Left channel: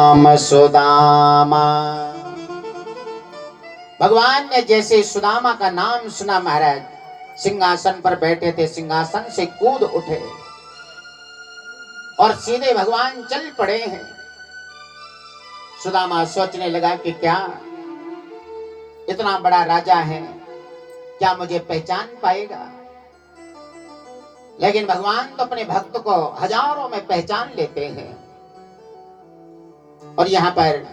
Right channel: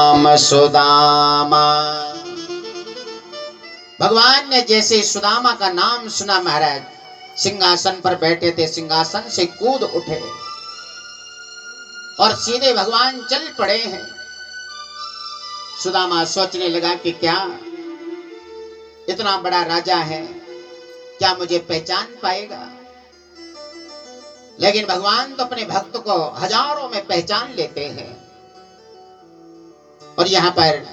राम सुदामा। भगवान ने जैसे सुदामा का नाम सुना, महाराज सिंहासन पर बैठे थे, सिंहासन से कूद उठे और सीधे भगवान चल पड़े हैं। सुदामा सोचने लगा कि क्या इतना बड़ा राजा है, क्या मुझे पहचान पाएगा? लेकिन भगवान तो अपने भक्त को हजारों में पहचान लेते हैं। और यहां पर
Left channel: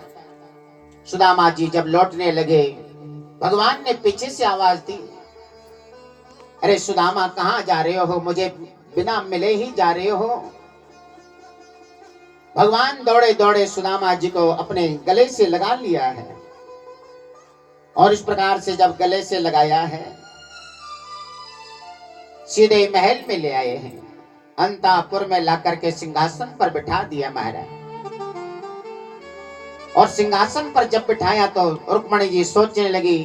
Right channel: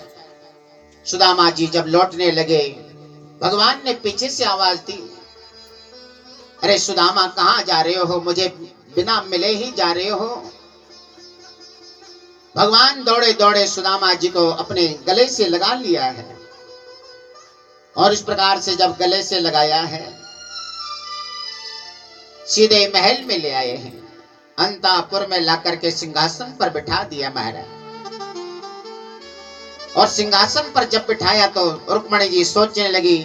सुदामा जी जब लौटने लगे, भगवान ने पीछे से आवाज दी, अरे सुदामा कहां जा रहे हो? मुझे बिना मिले ही जा रहे हो? भगवान दौड़े दौड़े सुदामा जी को अपने गले से लगा लिया है और इस प्रकार से जब गले से लगाया है, सीधे महल में ले आए हैं। अंतापुर में लाकर के सिंहासन पर बिठा दिया महाराज। और सिंहासन पर जब बिठाया तो रुक्मणी जी सोचने लगी,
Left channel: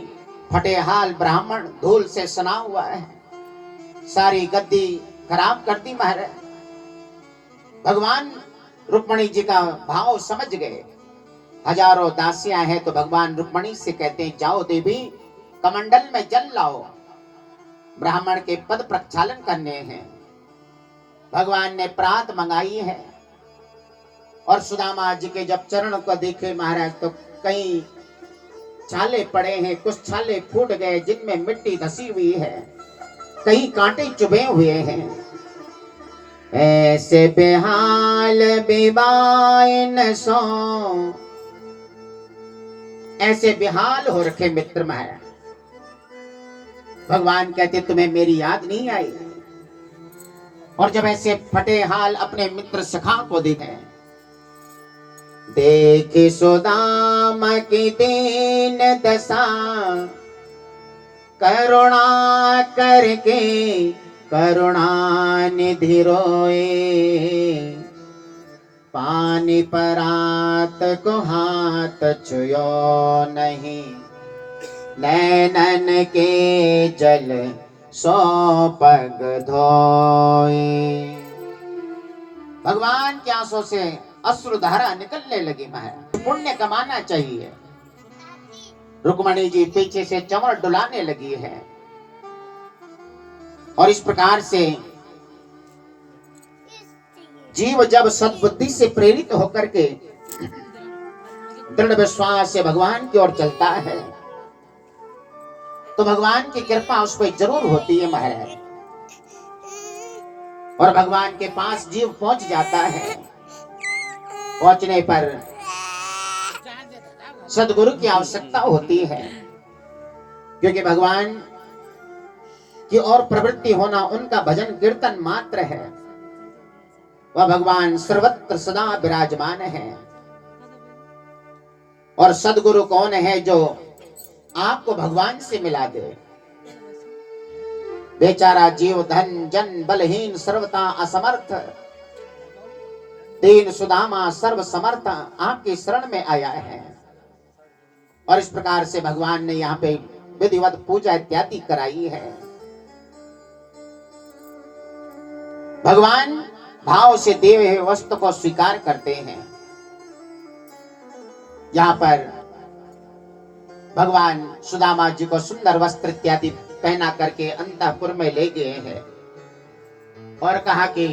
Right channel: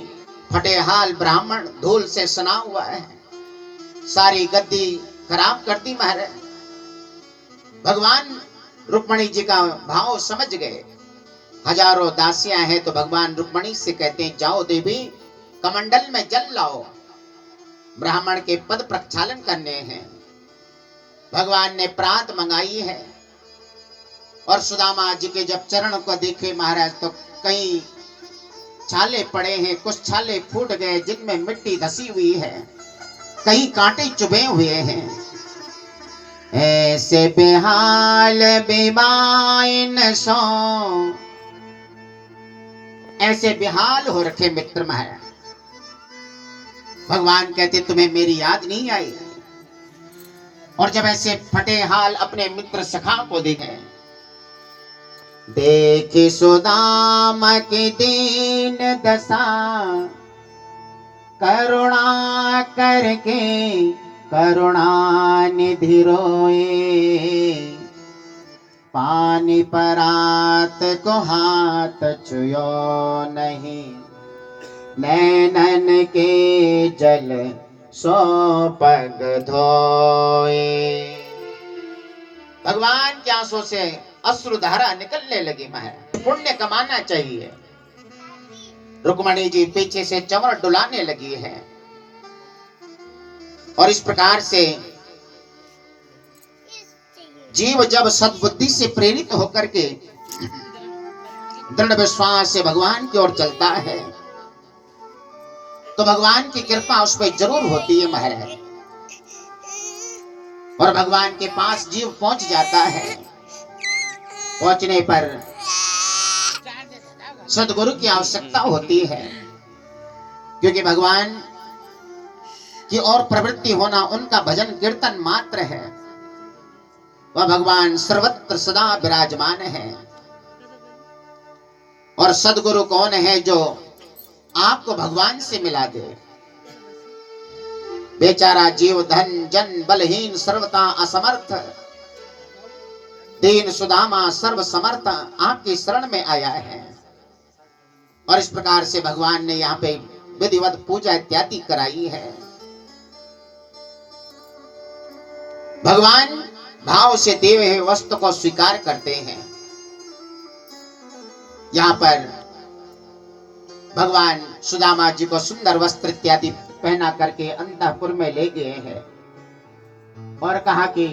फटे हाल ब्राह्मण धूल से सना हुआ है, सारी गद्दी खराब कर दी महाराज। भगवान रुक्मणी जी का भाव समझ गए। हजारों दासियां हैं तो भगवान रुक्मणी से कहते हैं, जाओ देवी कमंडल में जल लाओ, ब्राह्मण के पद प्रक्षालन करने हैं। भगवान ने प्रात मंगाई है और सुदामा जी के जब चरण को देखे महाराज तो कई छाले पड़े हैं, कुछ छाले फूट गए जिनमें मिट्टी धसी हुई है, कई कांटे चुभे हुए हैं। ऐसे बेहाल बेबाइन सो, ऐसे बेहाल हो रखे मित्र महाराज। भगवान कहते तुम्हें मेरी याद नहीं आई? और जब ऐसे फटे हाल अपने मित्र सखा को देखे, देख सुदामा की दीन दशा, करुणा करके करुणा निधि रोए, पानी परात को हाथ छुयो नहीं, नैनन के जल सो पग धोए। भगवान के आंसू से अश्रुधारा निकलने लगी। महाराज पुण्य कमाना चाहिए। रुक्मणी जी पीछे से चंवर डुलाने लगी है और इस प्रकार से जीव जब सद्बुद्धि से प्रेरित होकर के दृढ़ विश्वास से भगवान की ओर चलता है तो भगवान की कृपा उस पर जरूर होती है महाराज। और भगवान के पास जीव पहुंच जाता है। पहुंचने पर सद्गुरु की आवश्यकता होती है, क्योंकि भगवान की और प्रवृत्ति होना उनका भजन कीर्तन मात्र है। वह भगवान सर्वत्र सदा विराजमान है। और सद्गुरु कौन है? जो आपको भगवान से मिला दे। बेचारा जीव धन जन बलहीन सर्वथा असमर्थ, दीन सुदामा सर्व समर्थ आपकी शरण में आया है। और इस प्रकार से भगवान ने यहाँ पे विधिवत पूजा इत्यादि कराई है। भगवान भाव से दिए हुए वस्तु को स्वीकार करते हैं। यहाँ पर भगवान सुदामा जी को सुंदर वस्त्र इत्यादि पहना करके अंतःपुर में ले गए हैं और कहा कि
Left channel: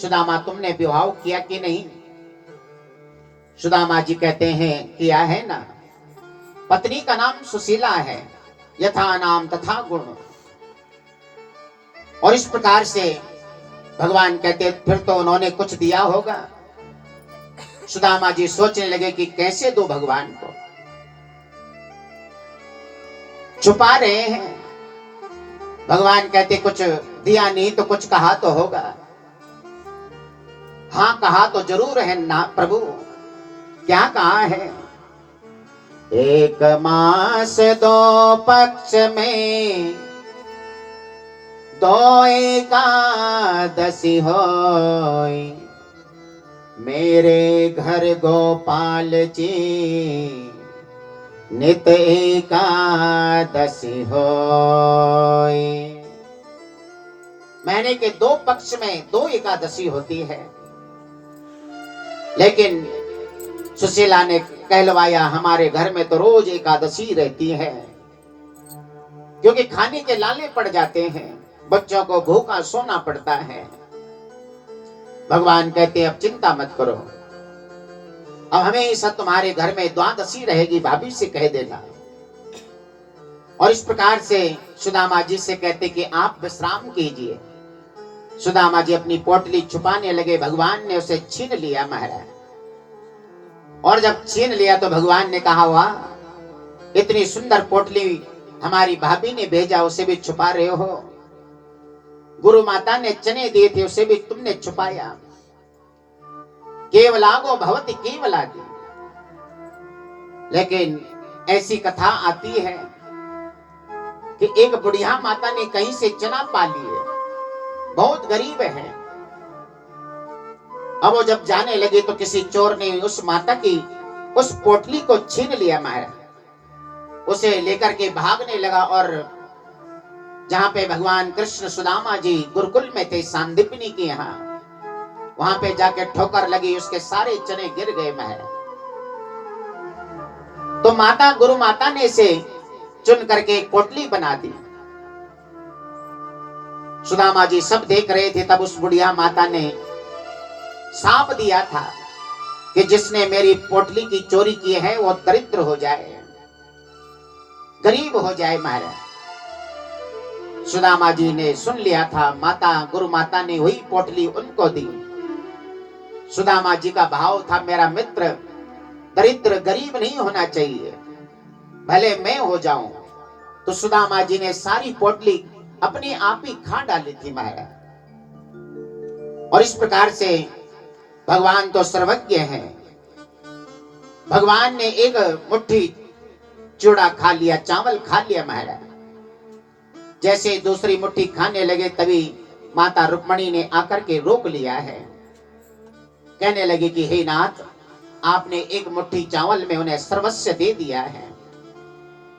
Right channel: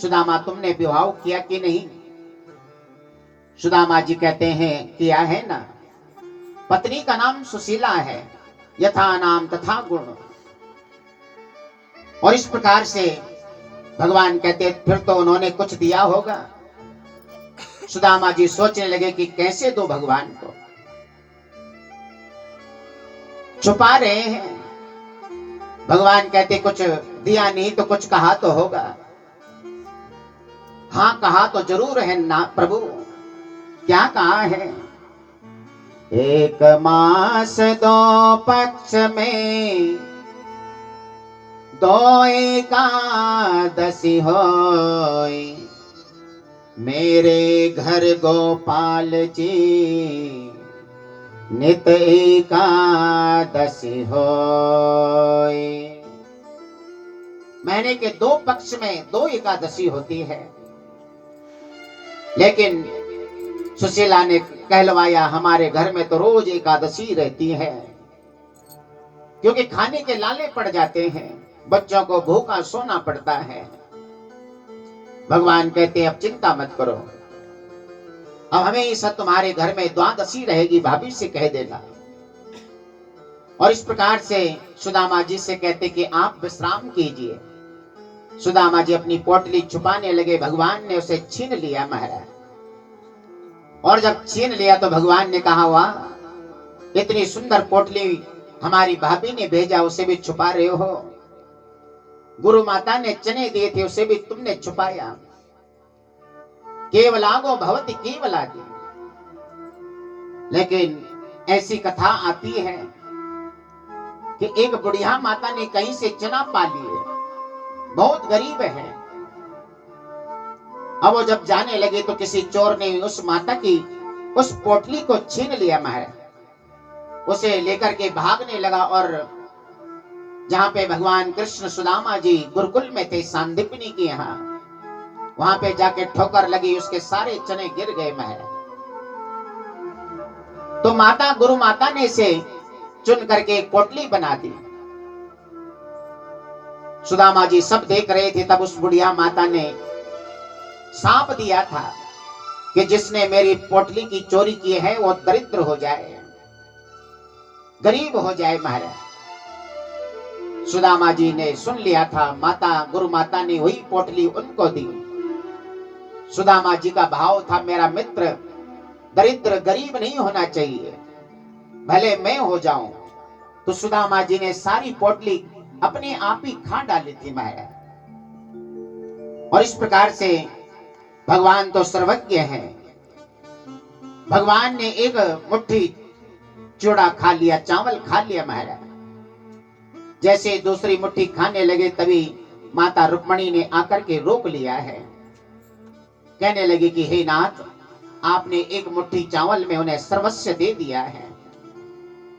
सुदामा तुमने विवाह किया कि नहीं? सुदामा जी कहते हैं किया है ना। पत्नी का नाम सुशीला है, यथा नाम तथा गुण। और इस प्रकार से भगवान कहते फिर तो उन्होंने कुछ दिया होगा। सुदामा जी सोचने लगे कि कैसे दो भगवान को, छुपा रहे हैं। भगवान कहते कुछ दिया नहीं तो कुछ कहा तो होगा। हाँ कहा तो जरूर है ना प्रभु। क्या कहा है? एक मास दो पक्ष में दो एकादशी होय, मेरे घर गोपाल जी नित एकादशी होय। महीने के दो पक्ष में दो एकादशी होती है, लेकिन सुशीला ने कहलवाया, हमारे घर में तो रोज एकादशी रहती है, क्योंकि खाने के लाले पड़ जाते हैं, बच्चों को भूखा सोना पड़ता है। भगवान कहते हैं अब चिंता मत करो, अब हमेशा तुम्हारे घर में द्वादशी रहेगी, भाभी से कह देना। और इस प्रकार से सुदामा जी से कहते कि आप विश्राम कीजिए। सुदामा जी अपनी पोटली छुपाने लगे, भगवान ने उसे छीन लिया महाराज। और जब छीन लिया तो भगवान ने कहा, वाह इतनी सुंदर पोटली हमारी भाभी ने भेजा, उसे भी छुपा रहे हो। गुरु माता ने चने दिए थे, उसे भी तुमने छुपाया। केवलागो भवति केवलागी। लेकिन ऐसी कथा आती है कि एक बुढ़िया माता ने कहीं से चना पा लिए, बहुत गरीब है। अब वो जब जाने लगे तो किसी चोर ने उस माता की उस पोटली को छीन लिया महाराज। उसे लेकर के भागने लगा और जहां पे भगवान कृष्ण सुदामा जी गुरुकुल में थे, सांदीपनी के यहाँ, वहां पे जाके ठोकर लगी, उसके सारे चने गिर गए महाराज। तो माता गुरु माता ने इसे चुन करके एक पोटली बना दी। सुदामा जी सब देख रहे थे। तब उस बुढ़िया माता ने सांप दिया था कि जिसने मेरी पोटली की चोरी की है वो दरिद्र हो जाए, गरीब हो जाए महाराज। सुदामा जी ने सुन लिया था, माता गुरु माता ने वही पोटली उनको दी। सुदामा जी का भाव था, मेरा मित्र दरिद्र गरीब नहीं होना चाहिए, भले मैं हो जाऊं। तो सुदामा जी ने सारी पोटली अपने आप ही खा डाली थी महाराज। और इस प्रकार से भगवान तो सर्वज्ञ हैं। भगवान ने एक मुट्ठी चूड़ा खा लिया, चावल खा लिया महाराज। जैसे दूसरी मुट्ठी खाने लगे तभी माता रुक्मणी ने आकर के रोक लिया है। कहने लगे कि हे नाथ, आपने एक मुट्ठी चावल में उन्हें सर्वस्व दे दिया है,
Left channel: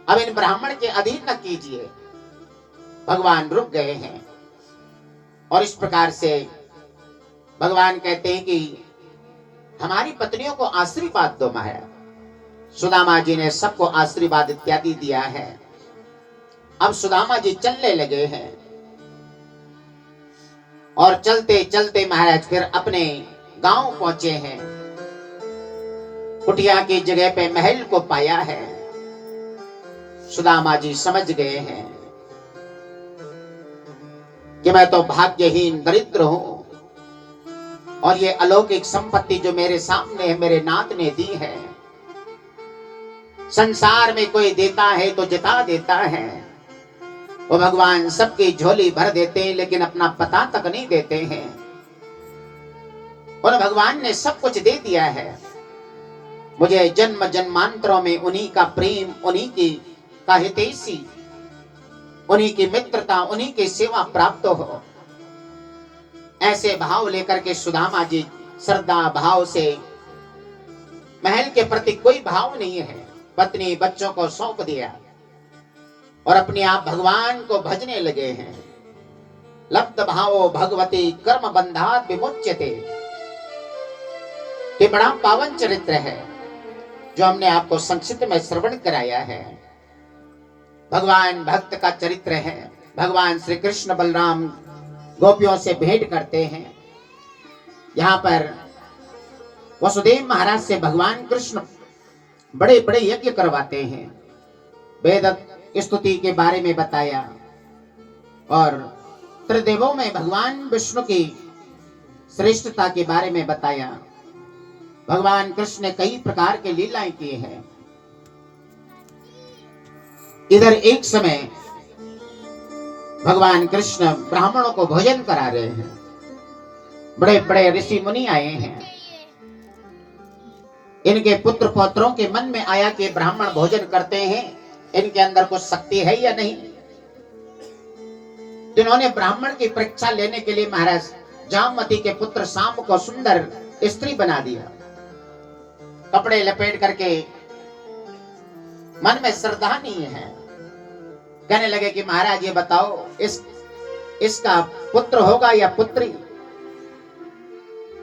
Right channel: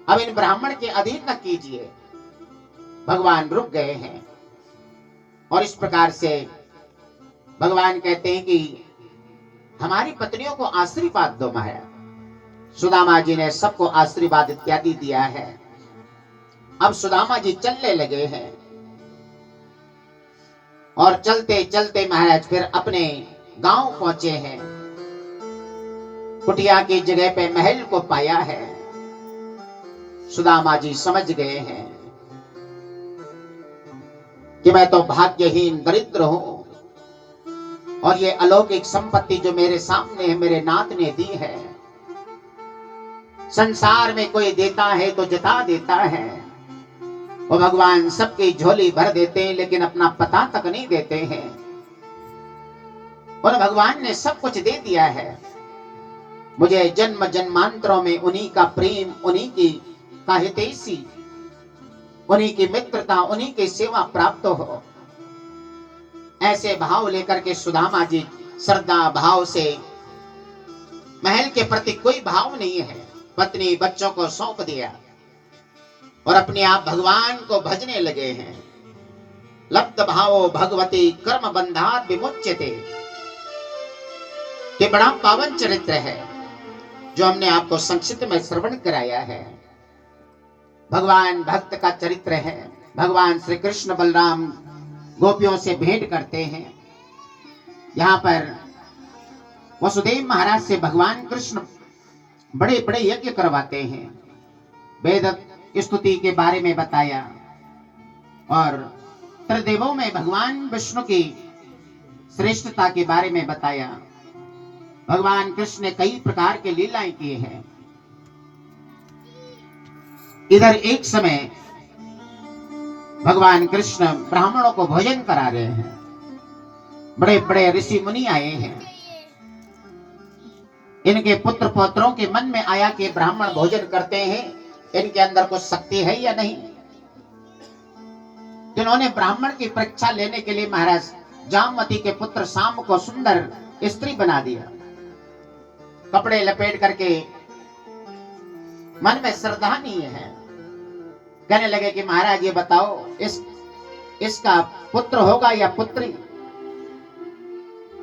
अब इन ब्राह्मण के अधीन न कीजिए। भगवान रुक गए हैं। और इस प्रकार से भगवान कहते हैं कि हमारी पत्नियों को आशीर्वाद दो महाराज। सुदामा जी ने सबको आशीर्वाद इत्यादि दिया है। अब सुदामा जी चलने लगे हैं और चलते चलते महाराज फिर अपने गांव पहुंचे हैं। कुटिया की जगह पे महल को पाया है। सुदामा जी समझ गए हैं कि मैं तो भाग्यहीन दरिद्र हूं और ये अलौकिक संपत्ति जो मेरे सामने है मेरे नाथ ने दी है। संसार में कोई देता है तो जिता देता है, वो भगवान सबकी झोली भर देते हैं लेकिन अपना पता तक नहीं देते हैं। और भगवान ने सब कुछ दे दिया है। मुझे जन्म जन्मांतरों में उन्हीं का प्रेम, उन्हीं की का हितैषी, उन्हीं की मित्रता, उन्हीं की सेवा प्राप्त हो। ऐसे भाव लेकर के सुदामा जी श्रद्धा भाव से, महल के प्रति कोई भाव नहीं है, पत्नी बच्चों को सौंप दिया और अपने आप भगवान को भजने लगे हैं। लब्ध भावो भगवती कर्म बंधात विमुच्यते। ये बड़ा पावन चरित्र है जो हमने आपको संक्षिप्त में श्रवण कराया है। भगवान भक्त का चरित्र है। भगवान श्री कृष्ण बलराम गोपियों से भेंट करते हैं। यहाँ पर वसुदेव महाराज से भगवान कृष्ण बड़े बड़े यज्ञ करवाते हैं। वेद स्तुति के बारे में बताया और त्रिदेवों में भगवान विष्णु की श्रेष्ठता के बारे में बताया। भगवान कृष्ण ने कई प्रकार के लीलाएं की हैं। इधर एक समय भगवान कृष्ण ब्राह्मणों को भोजन करा रहे हैं। बड़े बड़े ऋषि मुनि आए हैं। इनके पुत्र पौत्रों के मन में आया कि ब्राह्मण भोजन करते हैं, इनके अंदर कुछ शक्ति है या नहीं। इन्होंने ब्राह्मण की परीक्षा लेने के लिए महाराज जामवती के पुत्र शाम को सुंदर स्त्री बना दिया। कपड़े लपेट करके, मन में श्रद्धा नहीं है। कहने लगे कि महाराज ये बताओ इसका पुत्र होगा या पुत्री।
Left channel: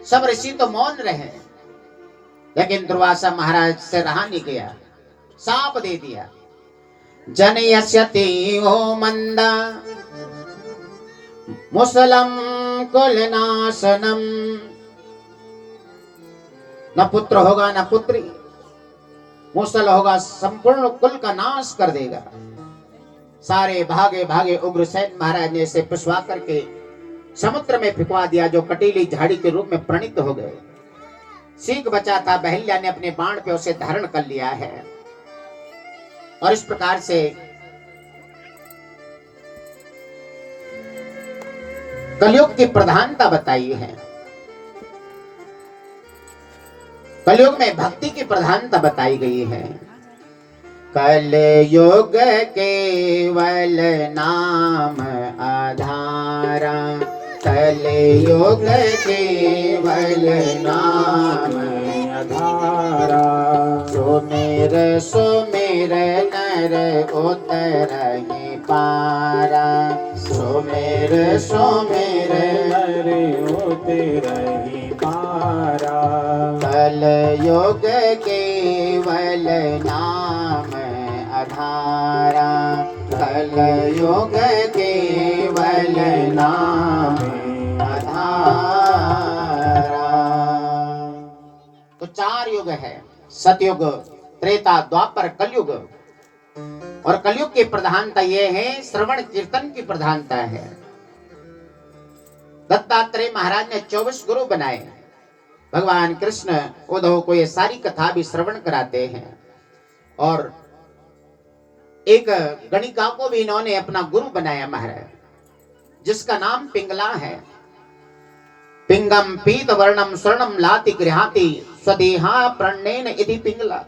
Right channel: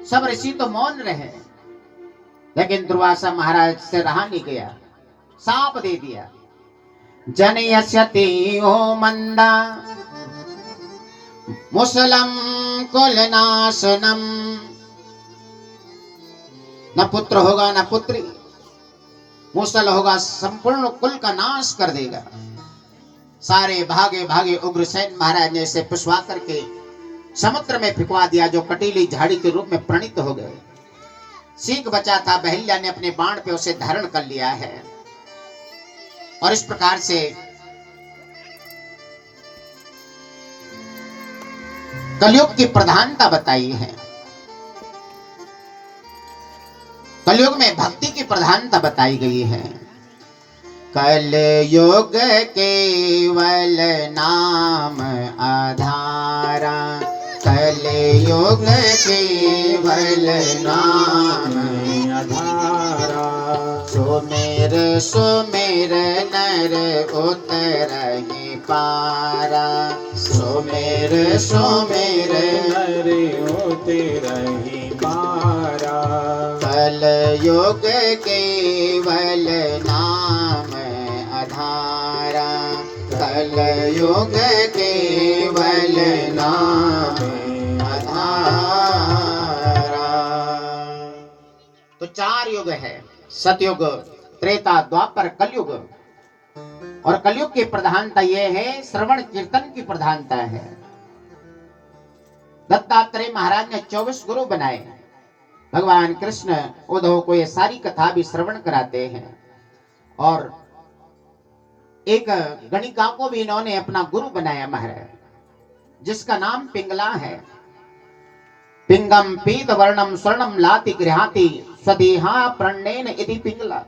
सब ऋषि तो मौन रहे। लेकिन दुर्वासा महाराज से रहा नहीं गया, साप दे दिया। जनयस्यति ओ मंदा मुसलम कुलनाशनम, न पुत्र होगा न पुत्री, मुसल होगा, संपूर्ण कुल का नाश कर देगा। सारे भागे भागे उग्रसेन महाराज ने इसे पिछवा करके समुद्र में फिकवा दिया, जो कटीली झाड़ी के रूप में प्रणित हो गए। सीख बचा था, बहल्या ने अपने बाण पे उसे धारण कर लिया है और इस प्रकार से कलयुग की प्रधानता बताई है। कलयुग में भक्ति की प्रधानता बताई गई है। कलयुग केवल नाम आधारा, कलयुग केवल नाम आधारा। सुमेर सुमेर नर उतरहि पारा, सुमेर सुमेर नर उतरहि पारा। कलयुग केवल नाम आधारा, कलयुग केवल नाम आधारा। तो 4 युग है, सतयुग, त्रेता, द्वापर, कलयुग। और कलयुग की प्रधानता यह है, श्रवण कीर्तन की प्रधानता है। दत्तात्रेय महाराज ने 24 गुरु बनाए। भगवान कृष्ण उद्धव को ये सारी कथा भी श्रवण कराते हैं। और एक गणिका को भी इन्होंने अपना गुरु बनाया महाराज, जिसका नाम पिंगला है। पिंगम पीत वर्णम स्वर्णम लाति गृहाति स्वदेहा प्रणेन इति पिंगला,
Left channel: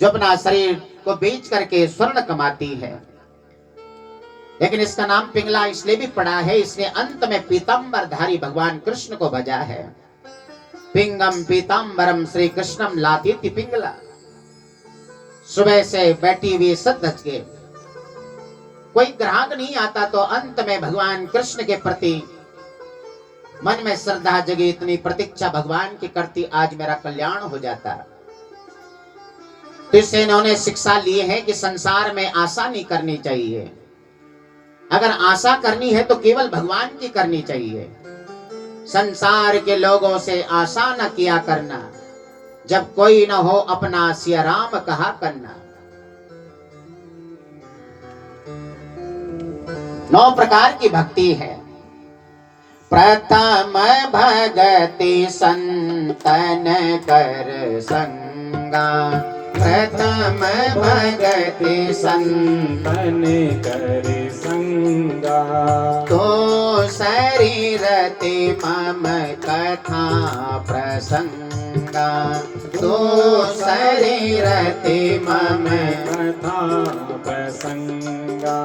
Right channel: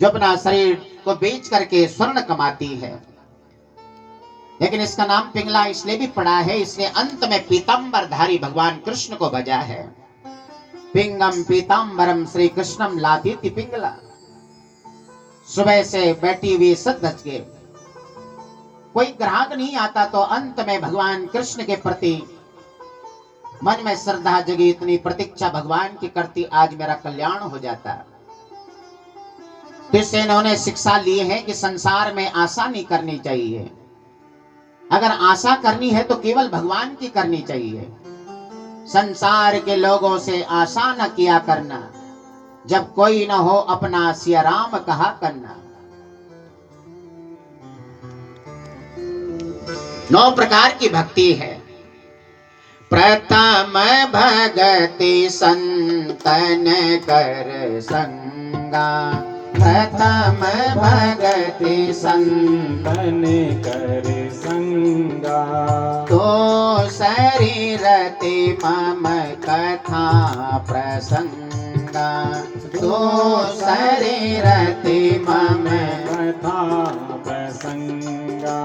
जो अपना शरीर को बेच करके स्वर्ण कमाती है। लेकिन इसका नाम पिंगला इसलिए भी पड़ा है, इसने अंत में पीतांबरधारी भगवान कृष्ण को भजा है। पिंगम पीतांबरम श्री कृष्णम लाती पिंगला। सुबह से बैठी हुई सज के कोई ग्राहक नहीं आता, तो अंत में भगवान कृष्ण के प्रति मन में श्रद्धा जगी, इतनी प्रतीक्षा भगवान की करती, आज मेरा कल्याण हो जाता। तो इससे इन्होंने शिक्षा ली है कि संसार में आशा नहीं करनी चाहिए। अगर आशा करनी है तो केवल भगवान की करनी चाहिए। संसार के लोगों से आशा न किया करना, जब कोई न हो अपना सिया राम कहा करना। 9 प्रकार की भक्ति है। प्रथम भगति संतन कर संगा, प्रथम भगति संतन कर संगा। तो शरीरति मम कथा प्रसंगा, तो शरीरति मम कथा प्रसंगा।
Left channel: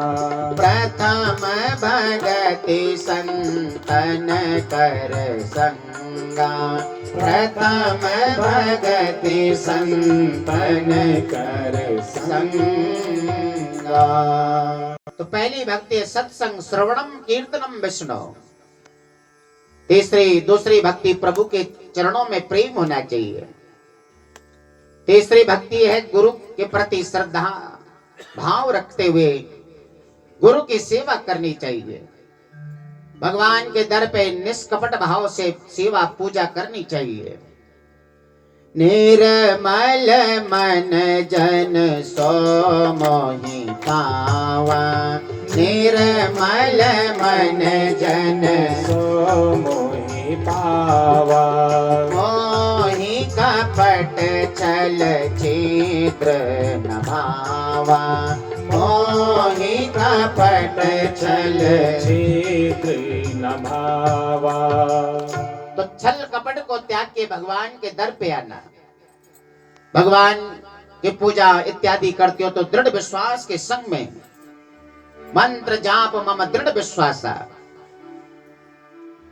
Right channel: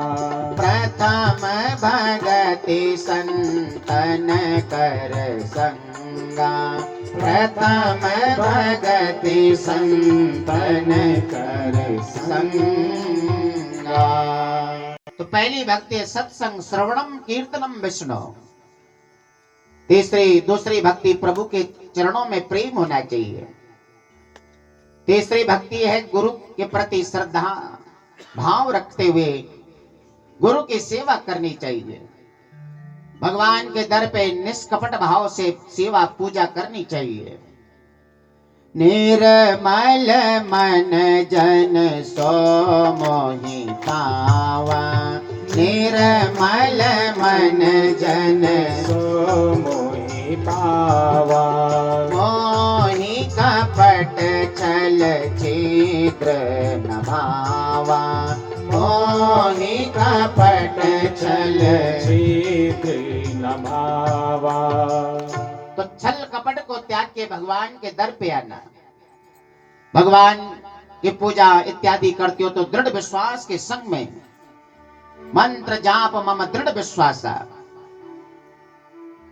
प्रथम भगति संतन कर संगा, प्रथम भगति संतन कर संगा। तो पहली भक्ति है सत्संग, श्रवणम कीर्तनम विष्णु। दूसरी भक्ति प्रभु के चरणों में प्रेम होना चाहिए। तीसरी भक्ति है गुरु के प्रति श्रद्धा भाव रखते हुए गुरु की सेवा करनी चाहिए। भगवान के दर पे निष्कपट भाव से सेवा पूजा करनी चाहिए। निर्मल मन जन सो मोहि पावा, निर्मल मन जन सो मोहि पावा। मोहि कपट छल छिद्र न भावा, मोहि कपट छल छिद्र न भावा। तो छल कपट को त्याग के भगवान के दर पे आना। भगवान की पूजा इत्यादि करते हो तो दृढ़ विश्वास के संग में मंत्र जाप मम दृढ़ विश्वासा।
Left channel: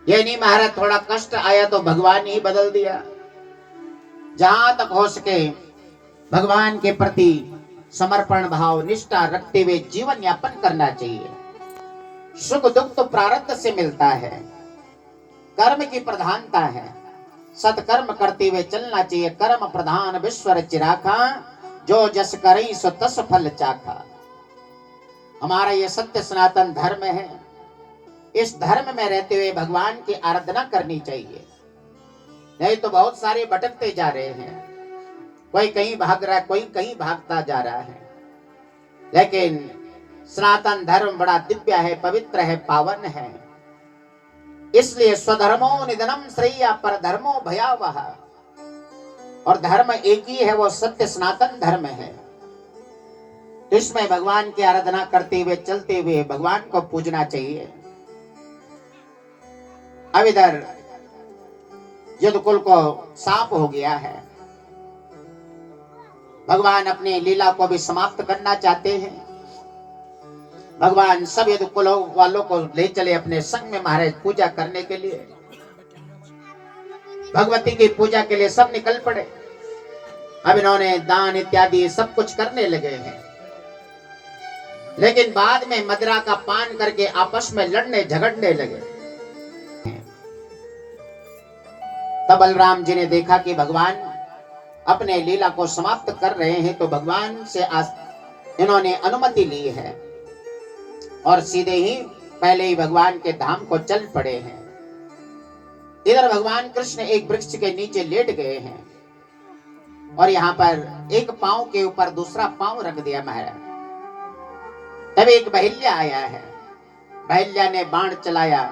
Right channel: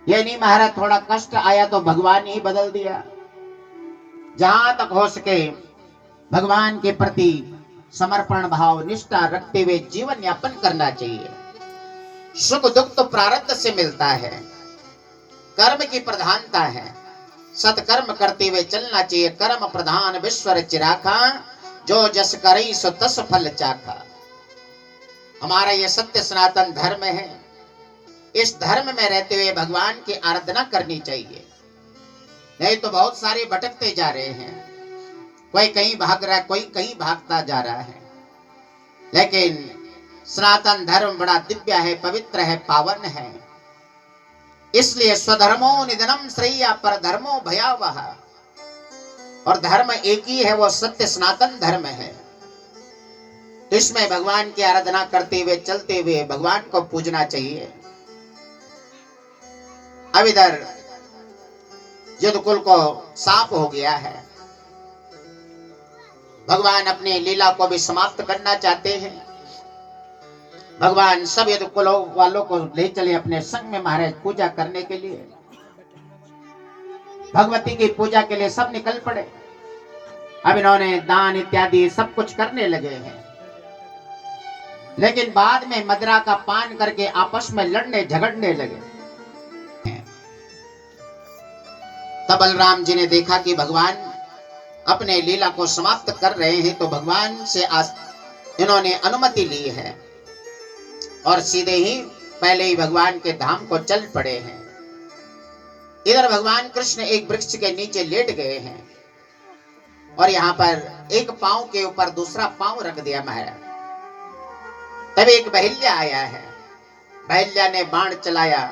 ये नहीं महाराज थोड़ा कष्ट आया तो भगवान ही बदल दिया। जहां तक हो सके भगवान के प्रति समर्पण भाव निष्ठा रखते हुए जीवन यापन करना चाहिए। सुख दुख तो प्रारब्ध से मिलता है, कर्म की प्रधानता है। सत्कर्म करते हुए चलना चाहिए। कर्म प्रधान विश्व रचि राखा, जो जस करई सो तस फल चाखा। हमारा ये सत्य सनातन धर्म है। इस धर्म में रहते हुए भगवान की आराधना करनी चाहिए। नहीं तो बहुत सारे भटकते जा रहे हैं। कोई कहीं भाग रहा है, कोई कहीं भागता जा रहा है। लेकिन सनातन धर्म बड़ा दिव्य है, पवित्र है, पावन है। इसलिए स्वधर्मो निधनम श्रेया पर धर्मो भयावह। और धर्म एक ही है, वो सत्य सनातन धर्म है। तो इसमें भगवान की आराधना करते हुए चलते हुए भगवान को पूजना चाहिए। अब इधर युद्धकुल को साफ हो गया है। भगवान अपने लीला को भी समाप्त करना चाहते हैं। भगवान सब युद्धकुल वालों को ले चले अपने संग में महाराज पूजा करने के लिए। भगवती की पूजा के लिए सब निकल पड़े। अब इन्होंने दान इत्यादि सब कुछ करने लगे हैं। लेकिन बाद में मदिरा का पान करके आपस में लड़ने झगड़ने लगे। तब बलराम जी ने देखा कि भगवान अपने लीला को समाप्त कर रहे हैं, तो भगवान से इन्होंने अनुमति ली है और सीधे ही पहले ही भगवान के धाम को चल पड़े हैं। इधर भगवान कृष्ण एक वृक्ष के नीचे लेट गए हैं और यहाँ पर एक पांव के ऊपर दूसरा पांव रख दिया महाराज। तब एक बहिल्या आया है। बहिल्या ने बाण चलाया,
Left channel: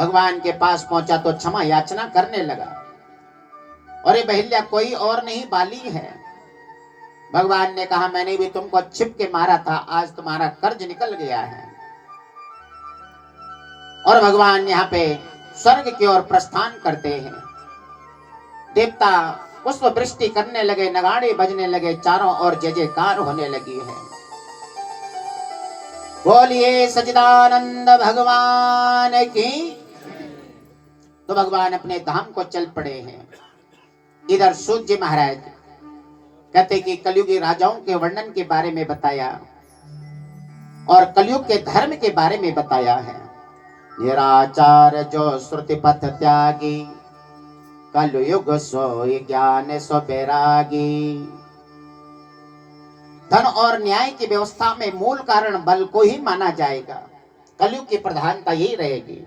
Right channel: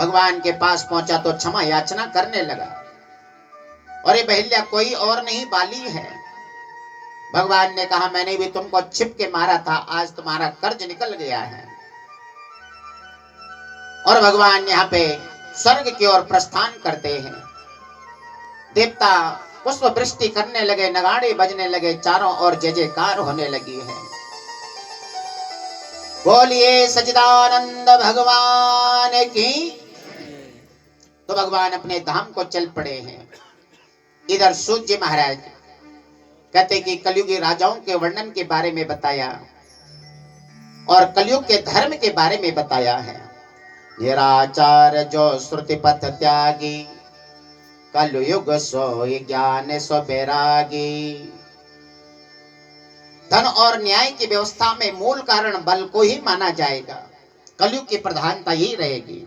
भगवान के पास पहुंचा तो क्षमा याचना करने लगा। और ये बहिल्या कोई और नहीं, बाली है। भगवान ने कहा मैंने भी तुमको छिप के मारा था, आज तुम्हारा कर्ज निकल गया है। और भगवान यहाँ पे स्वर्ग की ओर प्रस्थान करते हैं। देवता पुष्प वृष्टि करने लगे, नगाड़े बजने लगे, चारों ओर जय जयकार होने लगी है। बोलिए सच्चिदानंद भगवान की। तो भगवान अपने धाम को चल पड़े हैं। इधर सूत जी महाराज कहते कि कलयुगी राजाओं के वर्णन के बारे में बताया और कलयुग के धर्म के बारे में बताया है। निराचार जो श्रुति पथ त्यागी, कलयुग सोई ज्ञान सो बैरागी। धन और न्याय की व्यवस्था में मूल कारण बल को ही माना जाएगा। कलयुग की प्रधानता यही रहेगी।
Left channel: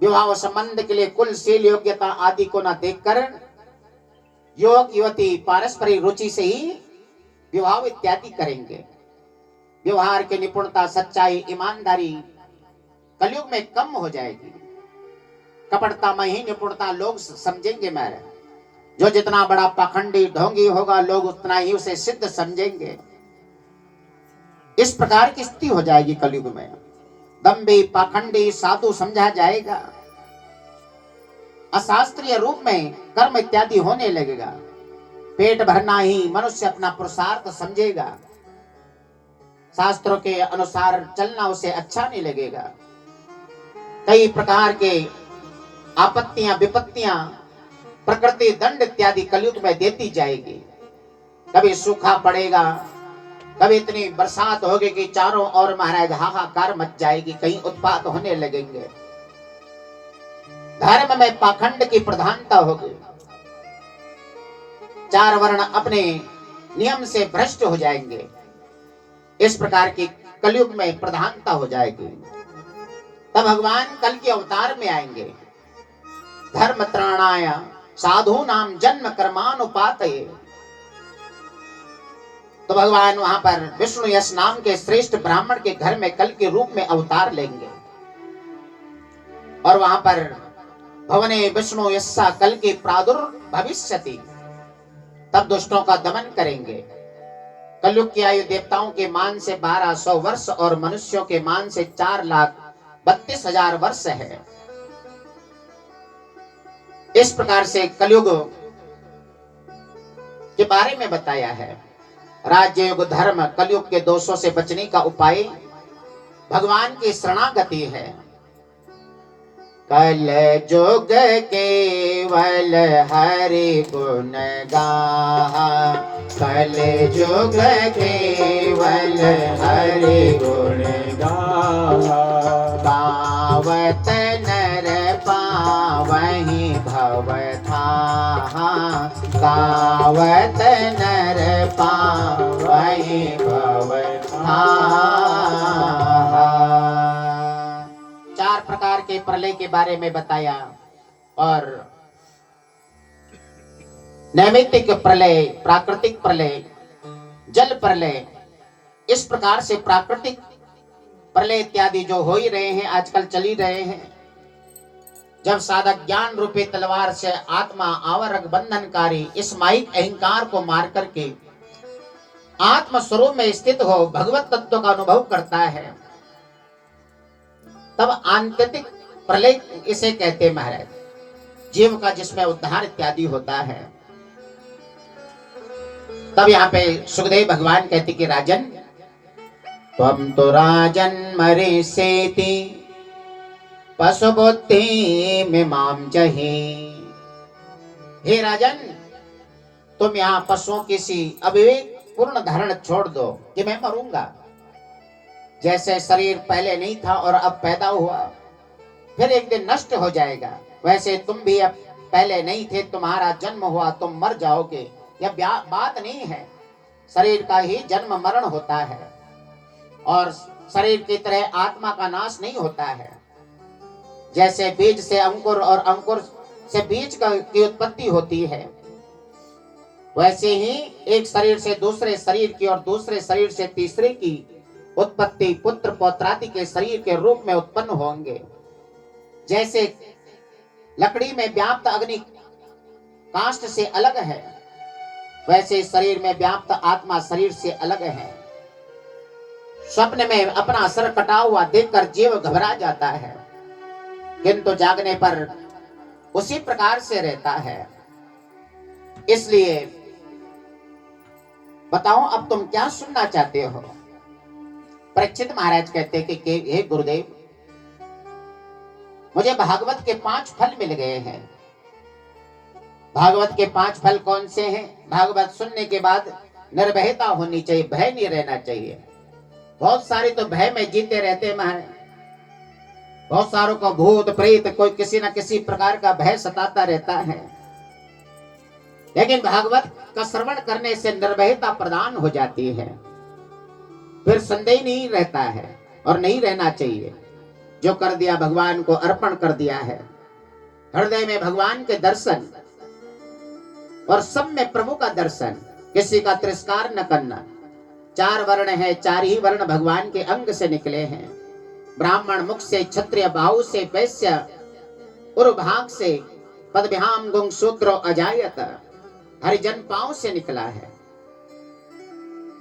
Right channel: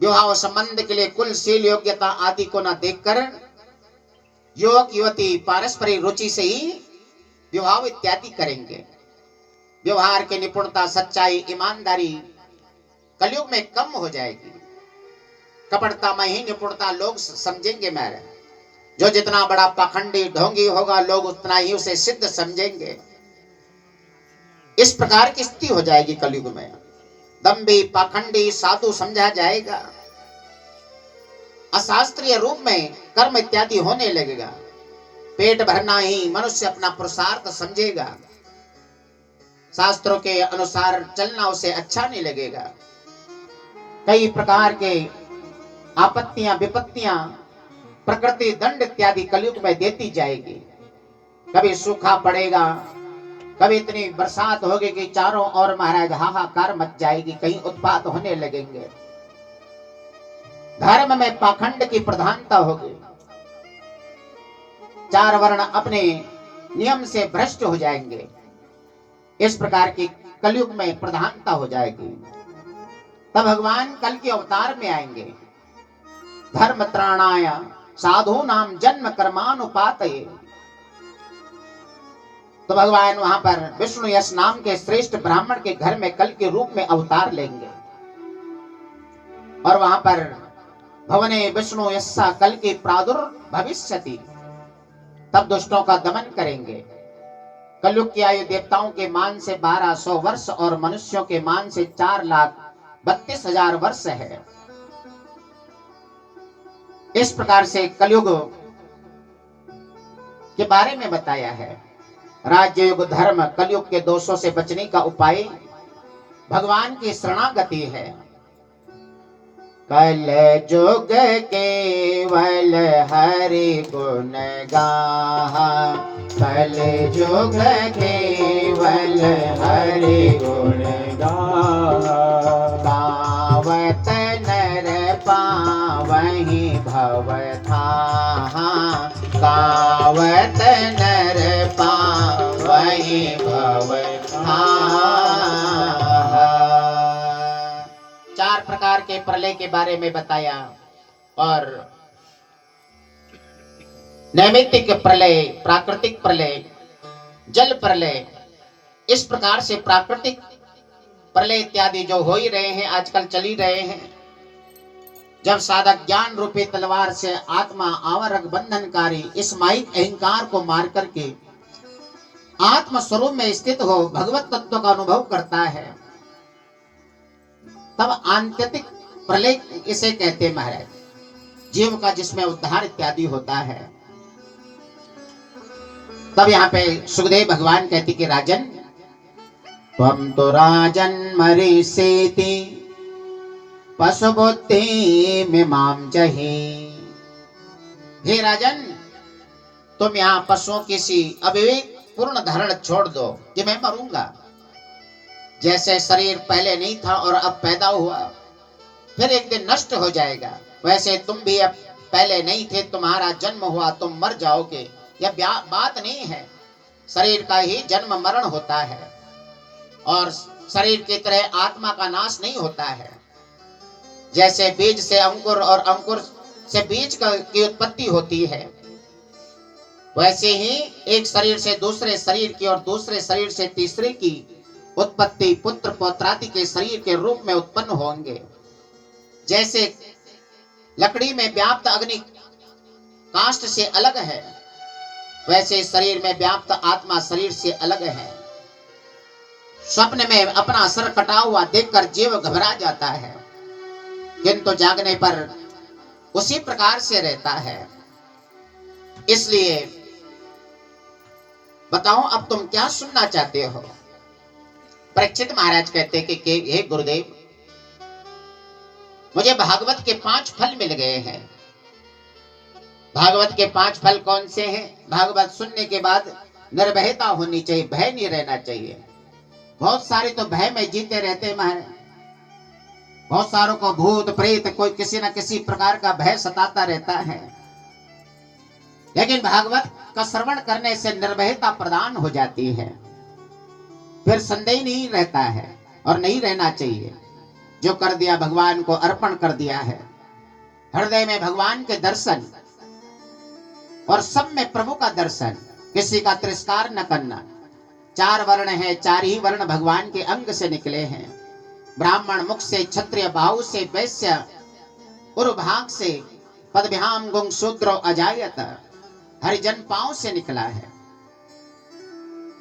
विवाह संबंध के लिए कुलशील योग्यता आदि को न देखकर युवक युवती पारस्परिक रुचि से ही विवाह इत्यादि करेंगे। व्यवहार की निपुणता, सच्चाई, ईमानदारी कलयुग में कम हो जाएगी। कपटता में ही निपुणता लोग समझेंगे। मेरे जो जितना बड़ा पाखंडी ढोंगी होगा, लोग उतना ही उसे सिद्ध समझेंगे। इस प्रकार की स्थिति हो जाएगी कलयुग में। दंभी पाखंडी साधु समझा जाएगा। अशास्त्रीय रूप में कर्म इत्यादि होने लगेगा। पेट भरना ही मनुष्य अपना पुरुषार्थ समझेगा। शास्त्रों के अनुसार चलना उसे अच्छा नहीं लगेगा। कई प्रकार के आपत्तियां विपत्तियां प्रकृति दंड इत्यादि कलयुग में देती जाएगी। कभी सूखा पड़ेगा, कभी इतनी बरसात होगी कि चारों ओर महाराज हाहाकार मच जाएगी, कहीं उत्पात होने लगेंगे। धर्म में पाखंड की प्रधानता होगी। चार वर्ण अपने नियम से भ्रष्ट हो जाएंगे। इस प्रकार की कलयुग में प्रधानता हो जाएगी। तब भगवान कल के अवतार में आएंगे। धर्म त्राणाय साधु नाम जन्म कर्मानुपातये। तो भगवान वहां पर विष्णु यश नाम के श्रेष्ठ ब्राह्मण के घर में कल के रूप में अवतार लेंगे और वहां पर भवने विष्णु यस्सा कल की प्रादुर्भविष्यति। तब दुष्टों का दमन करेंगे। कलयुग की आयु देवताओं के मान से 1200 वर्ष और मनुष्यों के मान से 4,32,000 वर्ष है। इस प्रकार से कलयुग के बारे में बताया है। राज्य युग धर्म कलयुग के दोषों से बचने का उपाय भगवान की शरणागति है। कल जुग केवल हरि गुण गाहा, कल जुग केवल हरि गुण गाहा। पावत नर पावन वही भव था, गावत नर पावहि भव था। चार प्रकार के प्रलय के बारे में बताया, और नैमित्तिक प्रलय, प्राकृतिक प्रलय, जल प्रलय, इस प्रकार से प्राकृतिक प्रलय इत्यादि जो हो ही रहे हैं, आजकल चल ही रहे हैं। जब साधक ज्ञान रूपी तलवार से आत्मा आवरक बंधनकारी इस माइक अहंकार को मार करके आत्म स्वरूप में स्थित हो भगवत तत्व का अनुभव करता है, तब आंतरिक प्रलय इसे कहते महाराज, जीव का जिसमें उद्धार इत्यादि होता है। तब यहाँ पे सुखदेव भगवान कहते कि राजन, त्वं तो राजन मरीसेति पशु बुद्धि मिमाम जहि। हे राजन, तुम यहाँ पशुओं की सी अविवेक पूर्ण धारण छोड़ दो कि मैं मरूंगा। जैसे शरीर पहले नहीं था और अब पैदा हुआ, फिर एक दिन नष्ट हो जाएगा, वैसे तुम भी अब पहले नहीं थे, तुम्हारा जन्म हुआ, तुम मर जाओगे। यह बात नहीं है, शरीर का ही जन्म मरण होता है, और शरीर की तरह आत्मा का नाश नहीं होता है। जैसे बीज से अंकुर और अंकुर से बीज की उत्पत्ति होती है, वैसे ही एक शरीर से दूसरे शरीर की और दूसरे शरीर से तीसरे की उत्पत्ति पुत्र पौत्रादि के शरीर के रूप में उत्पन्न होंगे। जैसे लकड़ी में व्याप्त अग्नि काष्ठ से अलग है, वैसे शरीर में व्याप्त आत्मा शरीर से अलग है। स्वप्न में अपना सर कटा हुआ देखकर जीव घबरा जाता है, किंतु जागने पर उसी प्रकार से रहता है। इसलिए बताओ, अब तुम क्या सुनना चाहते हो? परीक्षित महाराज कहते कि हे गुरुदेव, मुझे भागवत के 5 फल मिल गए हैं। भागवत के 5 फल कौन से हैं? भागवत सुनने के बाद निर्भयता होनी चाहिए, भय नहीं रहना चाहिए। बहुत सारे तो भय में जीते रहते महाराज, बहुत सारों को भूत प्रेत कोई किसी न किसी प्रकार का भय सताता रहता है। लेकिन भागवत का श्रवण करने से निर्भयता प्रदान हो जाती है, फिर संदेह नहीं रहता है, और नहीं रहना चाहिए। जो कर दिया भगवान को अर्पण कर दिया है, हृदय में भगवान के दर्शन और सब में प्रभु का दर्शन, किसी का तिरस्कार न करना। 4 वर्ण है, 4 ही वर्ण भगवान के अंग से निकले हैं। ब्राह्मण मुख से, क्षत्रिय बाहु से, वैश्य उर्भाग से, पदभ्याम गुंग शूद्रो अजायत, हरिजन पांव से निकला है।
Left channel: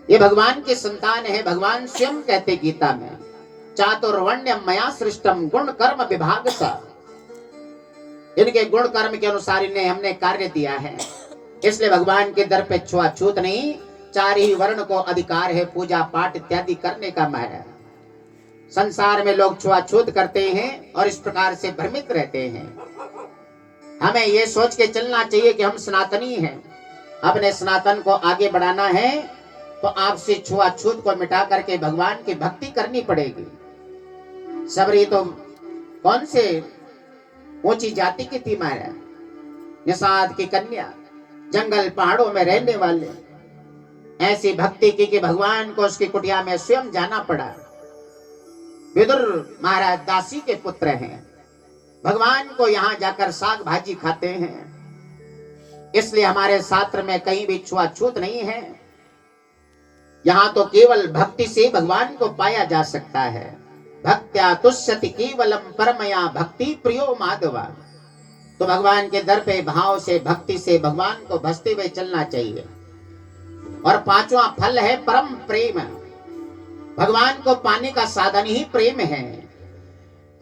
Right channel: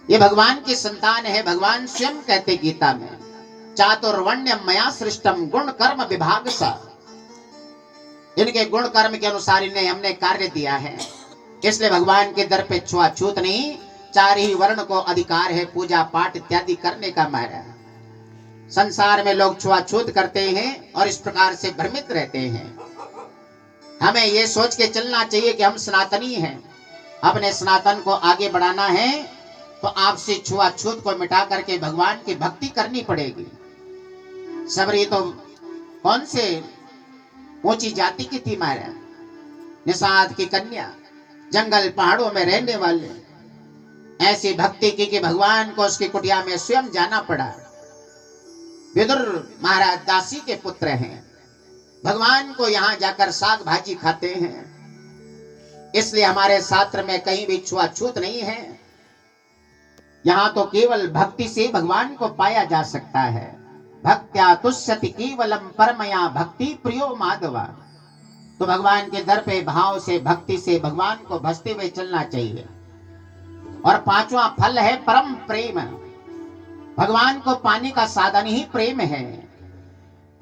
ये भगवान की संतान है। भगवान स्वयं कहते गीता में, चातुर्वर्ण्यम मया सृष्टम गुण कर्म विभाग सा। इनके गुण कर्म के अनुसार इन्हें हमने कार्य दिया है, इसलिए भगवान के दर पे छुआछूत नहीं। 4 ही वर्ण को अधिकार है पूजा पाठ इत्यादि करने का महाराज। संसार में लोग छुआछूत करते हैं और इस प्रकार से भ्रमित रहते हैं। हमें ये सोच के चलना चाहिए कि हम सनातनी हैं, अपने सनातन को आगे बढ़ाना है, तो आपसे छुआछूत को मिटा करके भगवान की भक्ति करनी पड़ेगी। सबरी तो कौन से ऊंची जाति की थी महाराज, निषाद की कन्या, जंगल पहाड़ों में रहने वाले, ऐसी भक्ति की कि भगवान को उसकी कुटिया में स्वयं जाना पड़ा। विदुर महाराज दासी के पुत्र हैं, भगवान को यहाँ जाकर साग भाजी खाते हैं। इसलिए हमारे शास्त्र में कहीं भी छुआछूत नहीं है। यहाँ तो केवल भक्ति से भगवान को पाया जा सकता है। भक्त्या तुष्यति केवलम परमया भक्ति प्रियो माधवा। तो भगवान के दर पे भाव से, भक्ति से भगवान को भजते हुए चलना चाहिए। और 5वां फल है परम प्रेम। भगवान को पाने का साधन ही प्रेम है।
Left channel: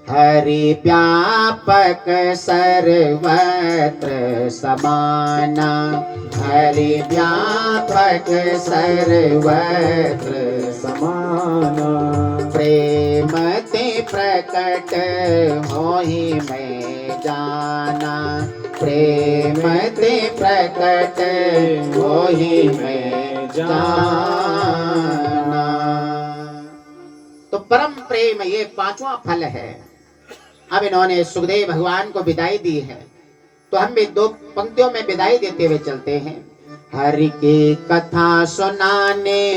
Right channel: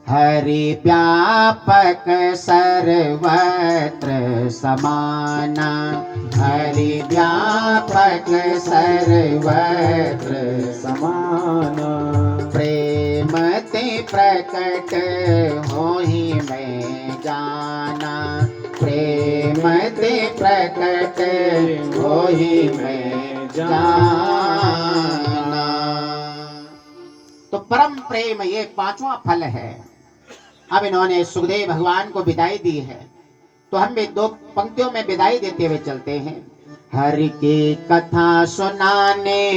हरि व्यापक सर्वत्र समान, हरि व्यापक सर्वत्र समान, प्रेम ते प्रकट होहि मैं जाना, प्रेम ते प्रकट होहि मैं जाना। तो परम प्रेम ये 5वां फल है। अब इन्होंने सुखदेव भगवान को विदाई दी है, तो हम भी दो पंक्तियों में विदाई देते हुए चलते हैं। हरि की कथा सुनाने